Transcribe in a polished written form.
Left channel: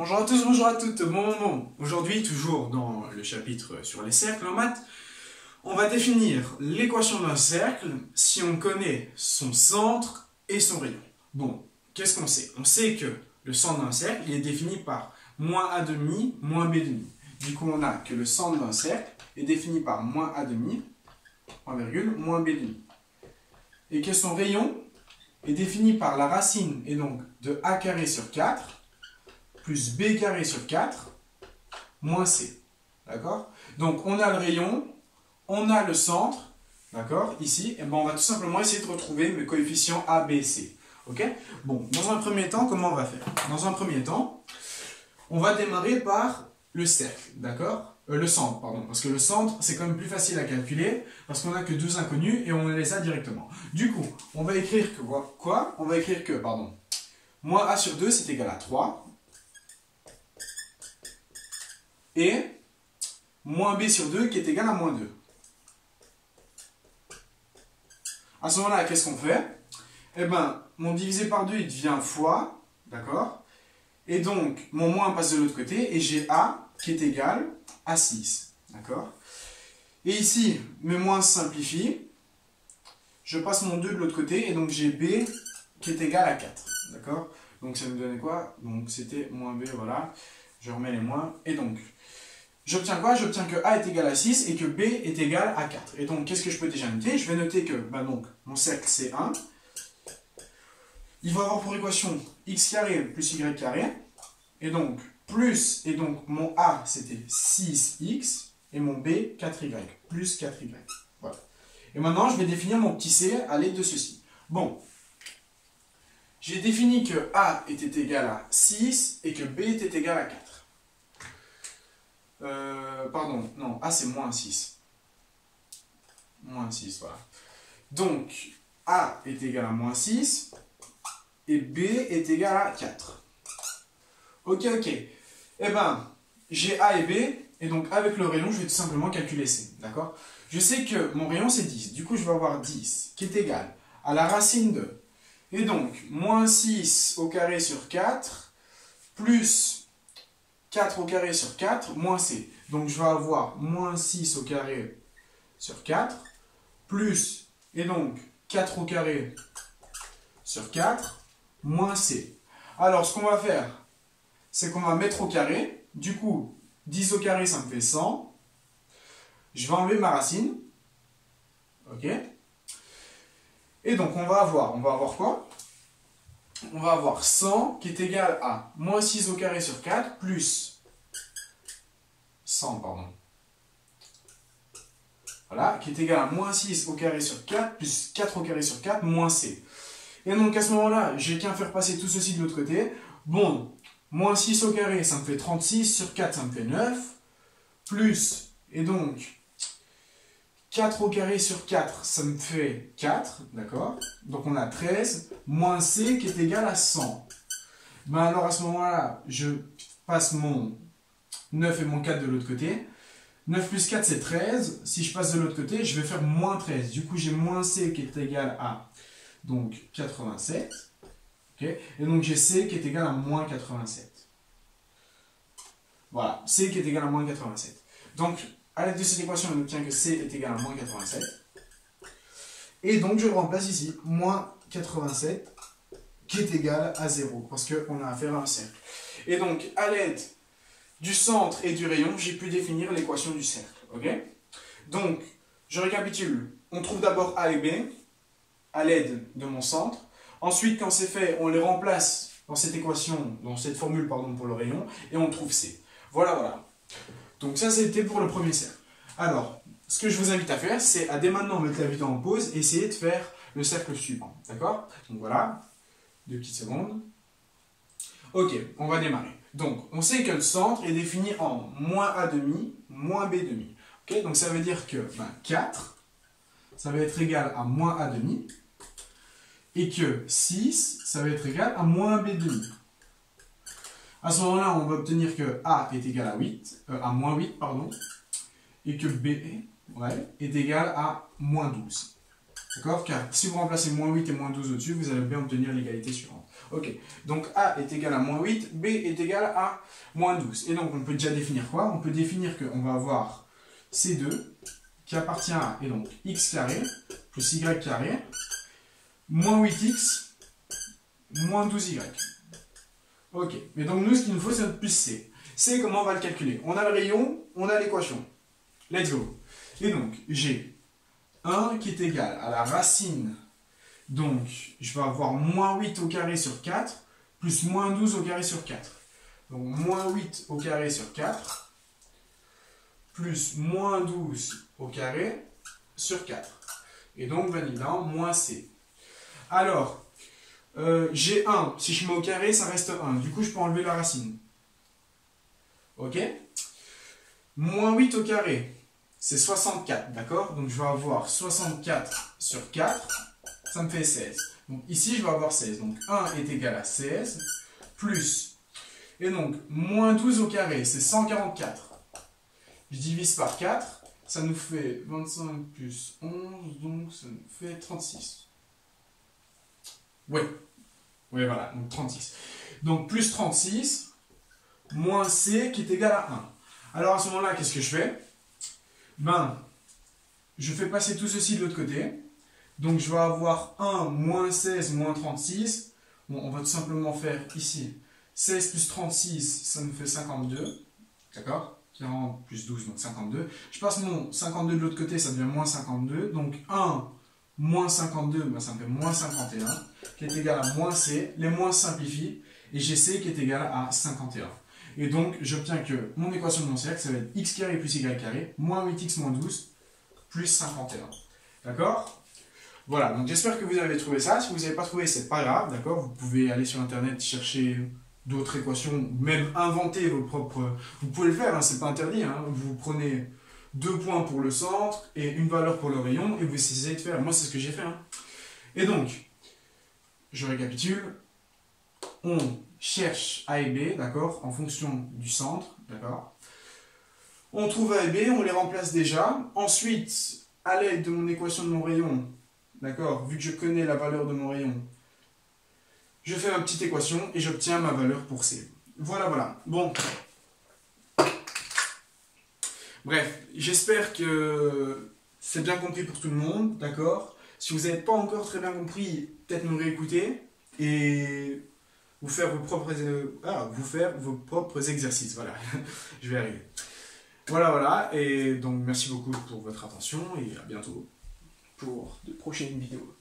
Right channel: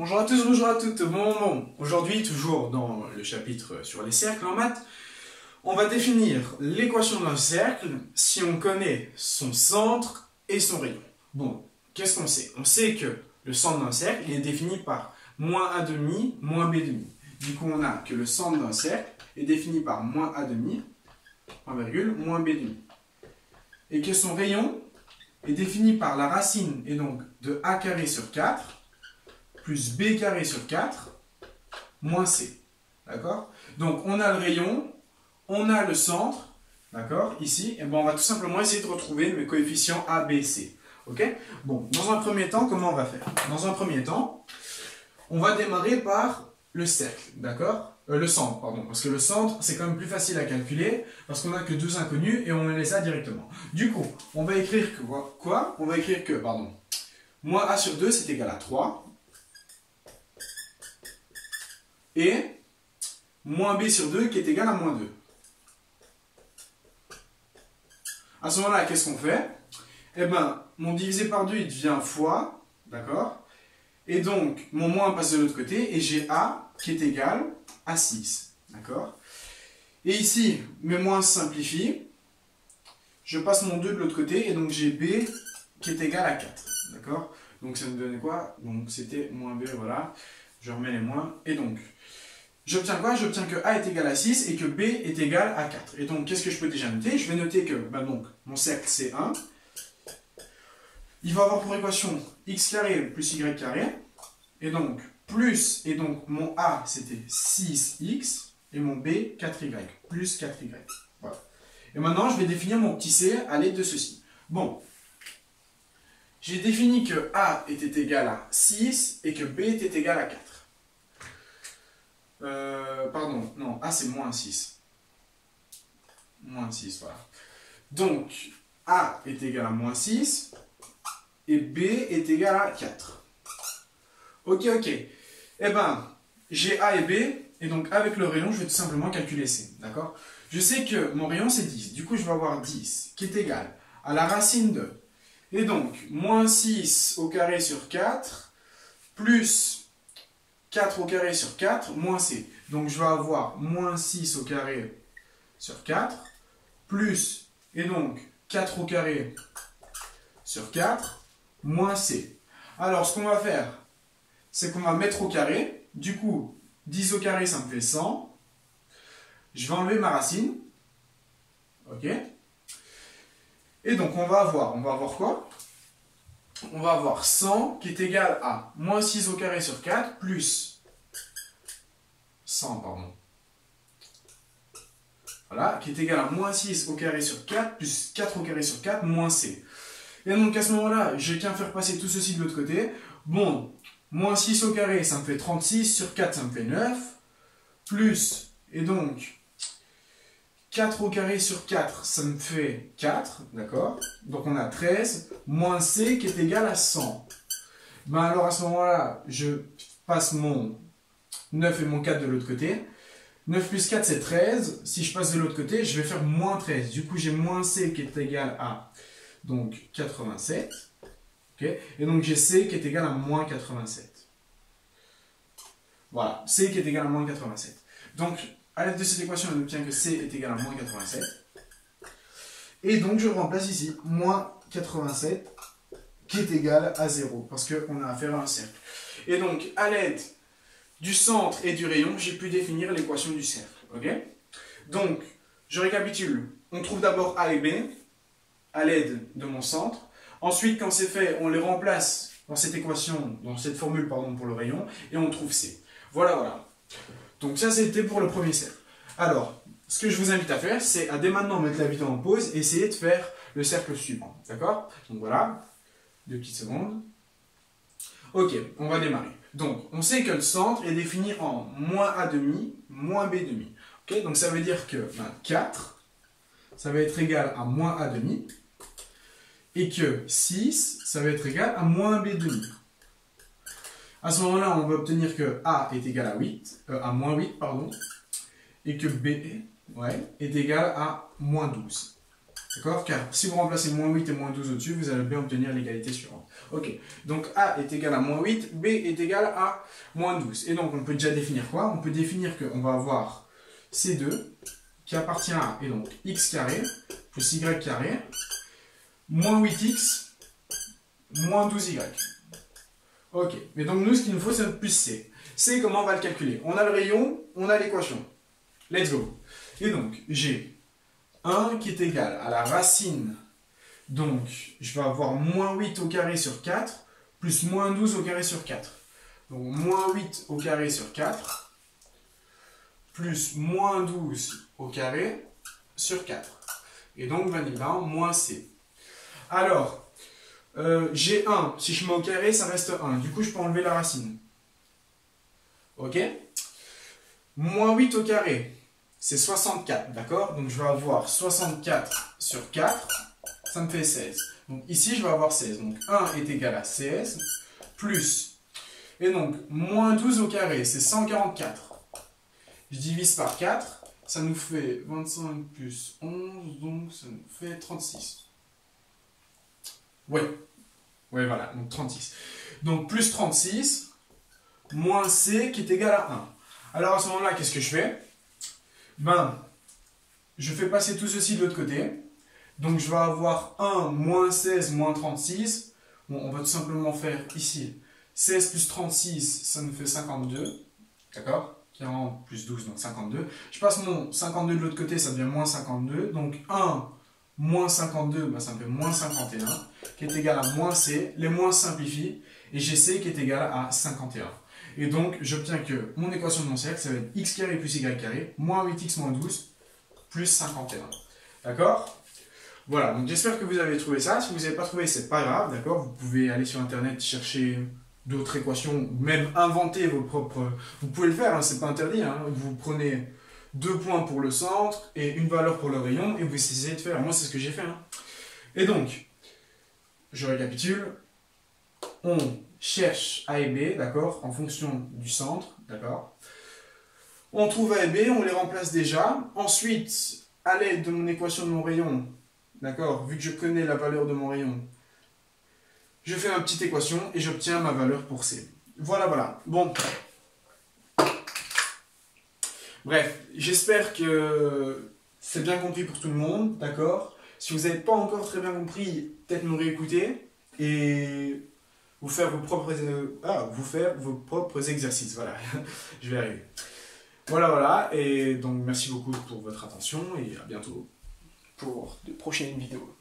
Bonjour à tous, bonjour à toutes, bon moment. Aujourd'hui, toujours dans le chapitre sur les cercles en maths, on va définir l'équation d'un cercle si on connaît son centre et son rayon. Bon, qu'est-ce qu'on sait? On sait que le centre d'un cercle il est défini par moins a demi, moins b demi. Du coup, on a que le centre d'un cercle est défini par moins a demi, point virgule, moins b demi. Et que son rayon est défini par la racine, et donc de a carré sur 4, plus b carré sur 4, moins c. D'accord? Donc, on a le rayon, on a le centre, d'accord? Ici, et ben on va tout simplement essayer de retrouver mes coefficients a, b, c. Ok? Bon, dans un premier temps, comment on va faire? Dans un premier temps, on va démarrer par le cercle, d'accord? Le centre, pardon, parce que le centre, c'est quand même plus facile à calculer, parce qu'on n'a que deux inconnus et on les a directement. Du coup, on va écrire que quoi? On va écrire que, pardon, moins a sur 2, c'est égal à 3. Et moins b sur 2 qui est égal à moins 2. À ce moment-là, qu'est-ce qu'on fait? Eh bien, mon divisé par 2, il devient fois, d'accord? Et donc, mon moins passe de l'autre côté, et j'ai a qui est égal à 6, d'accord? Et ici, mes moins simplifient, je passe mon 2 de l'autre côté, et donc j'ai b qui est égal à 4, d'accord? Donc ça me donnait quoi? Donc c'était moins b, voilà, je remets les moins, et donc, j'obtiens quoi? J'obtiens que a est égal à 6 et que b est égal à 4. Et donc, qu'est-ce que je peux déjà noter? Je vais noter que donc, mon cercle, c'est 1. Il va avoir pour équation x carré plus y carré. Et donc, plus, et donc, mon a, c'était 6x, et mon b, 4y, plus 4y. Voilà. Et maintenant, je vais définir mon petit c à l'aide de ceci. Bon, j'ai défini que a était égal à 6 et que b était égal à 4. Pardon, non, A c'est moins 6. Moins 6, voilà. Donc, A est égal à moins 6 et B est égal à 4. Ok. Eh bien, j'ai A et B, et donc avec le rayon, je vais tout simplement calculer C. D'accord? Je sais que mon rayon c'est 10, du coup je vais avoir 10 qui est égal à la racine de. Et donc, moins 6 au carré sur 4, plus 4 au carré sur 4, moins c. Donc je vais avoir moins 6 au carré sur 4, plus, et donc 4 au carré sur 4, moins c. Alors ce qu'on va faire, c'est qu'on va mettre au carré. Du coup, 10 au carré, ça me fait 100. Je vais enlever ma racine. Ok? Et donc on va avoir quoi? On va avoir 100 qui est égal à moins 6 au carré sur 4 plus 100, pardon. Voilà, qui est égal à moins 6 au carré sur 4 plus 4 au carré sur 4 moins c. Et donc à ce moment-là, j'ai qu'à faire passer tout ceci de l'autre côté. Bon, moins 6 au carré, ça me fait 36, sur 4, ça me fait 9, plus, et donc 4 au carré sur 4, ça me fait 4, d'accord? Donc on a 13, moins c qui est égal à 100. Ben alors à ce moment-là, je passe mon 9 et mon 4 de l'autre côté. 9 plus 4, c'est 13. Si je passe de l'autre côté, je vais faire moins 13. Du coup, j'ai moins c qui est égal à donc 87. Okay? Et donc j'ai c qui est égal à moins 87. Voilà, c qui est égal à moins 87. Donc, à l'aide de cette équation, on obtient que c est égal à moins 87. Et donc, je remplace ici moins 87 qui est égal à 0 parce qu'on a affaire à un cercle. Et donc, à l'aide du centre et du rayon, j'ai pu définir l'équation du cercle. Okay? Donc, je récapitule. On trouve d'abord a et b à l'aide de mon centre. Ensuite, quand c'est fait, on les remplace dans cette équation, dans cette formule pardon, pour le rayon, et on trouve c. Voilà. Donc ça, c'était pour le premier cercle. Alors, ce que je vous invite à faire, c'est à dès maintenant mettre la vidéo en pause et essayer de faire le cercle suivant. D'accord? Donc voilà, 2 petites secondes. Ok, on va démarrer. Donc, on sait que le centre est défini en moins a demi, moins b demi. Ok, donc ça veut dire que 4, ça va être égal à moins a demi, et que 6, ça va être égal à moins b demi. À ce moment-là, on va obtenir que a est égal à moins 8, pardon, et que b est égal à moins 12. D'accord? Car si vous remplacez moins 8 et moins 12 au-dessus, vous allez bien obtenir l'égalité suivante. Ok, donc A est égal à moins 8, B est égal à moins 12. Et donc on peut déjà définir quoi? On peut définir qu'on va avoir C2 qui appartient à, et donc x carré plus y carré, moins 8x, moins 12y. Ok, mais donc nous ce qu'il nous faut c'est notre plus C. C, comment on va le calculer? On a le rayon, on a l'équation. Let's go. Et donc j'ai 1 qui est égal à la racine. Donc, je vais avoir moins 8 au carré sur 4, plus moins 12 au carré sur 4. Donc, moins 8 au carré sur 4, plus moins 12 au carré sur 4. Et donc, validant, moins C. Alors, j'ai 1. Si je mets au carré, ça reste 1. Du coup, je peux enlever la racine. Ok? Moins 8 au carré, c'est 64, d'accord? Donc, je vais avoir 64 sur 4. Ça me fait 16. Donc ici, je vais avoir 16. Donc 1 est égal à 16, plus, et donc, moins 12 au carré, c'est 144. Je divise par 4, ça nous fait 25 plus 11, donc ça nous fait 36. Ouais, voilà, donc 36. Donc plus 36, moins C qui est égal à 1. Alors à ce moment-là, qu'est-ce que je fais? Ben, je fais passer tout ceci de l'autre côté. Donc, je vais avoir 1 moins 16 moins 36. Bon, on va tout simplement faire ici 16 plus 36, ça nous fait 52. D'accord? 40 plus 12, donc 52. Je passe mon 52 de l'autre côté, ça devient moins 52. Donc, 1 moins 52, ben, ça me fait moins 51, qui est égal à moins C. Les moins simplifient, et j'ai C qui est égal à 51. Et donc, j'obtiens que mon équation de mon cercle, ça va être x carré plus y carré, moins 8x moins 12, plus 51. D'accord? Voilà, donc j'espère que vous avez trouvé ça. Si vous n'avez pas trouvé, c'est pas grave, d'accord? Vous pouvez aller sur internet chercher d'autres équations, même inventer vos propres. Vous pouvez le faire, hein, c'est pas interdit. Hein. Vous prenez 2 points pour le centre et une valeur pour le rayon et vous essayez de faire. Moi, c'est ce que j'ai fait. Hein. Et donc, je récapitule. On cherche A et B, d'accord, en fonction du centre, d'accord? On trouve A et B, on les remplace déjà. Ensuite, à l'aide de mon équation de mon rayon, d'accord, vu que je connais la valeur de mon rayon, je fais ma petite équation et j'obtiens ma valeur pour C. Voilà, voilà. Bon. Bref, j'espère que c'est bien compris pour tout le monde, d'accord? Si vous n'avez pas encore très bien compris, peut-être me réécouter et vous faire vos propres exercices. Voilà, je vais arriver. Voilà, voilà. Et donc, merci beaucoup pour votre attention et à bientôt pour de prochaines vidéos.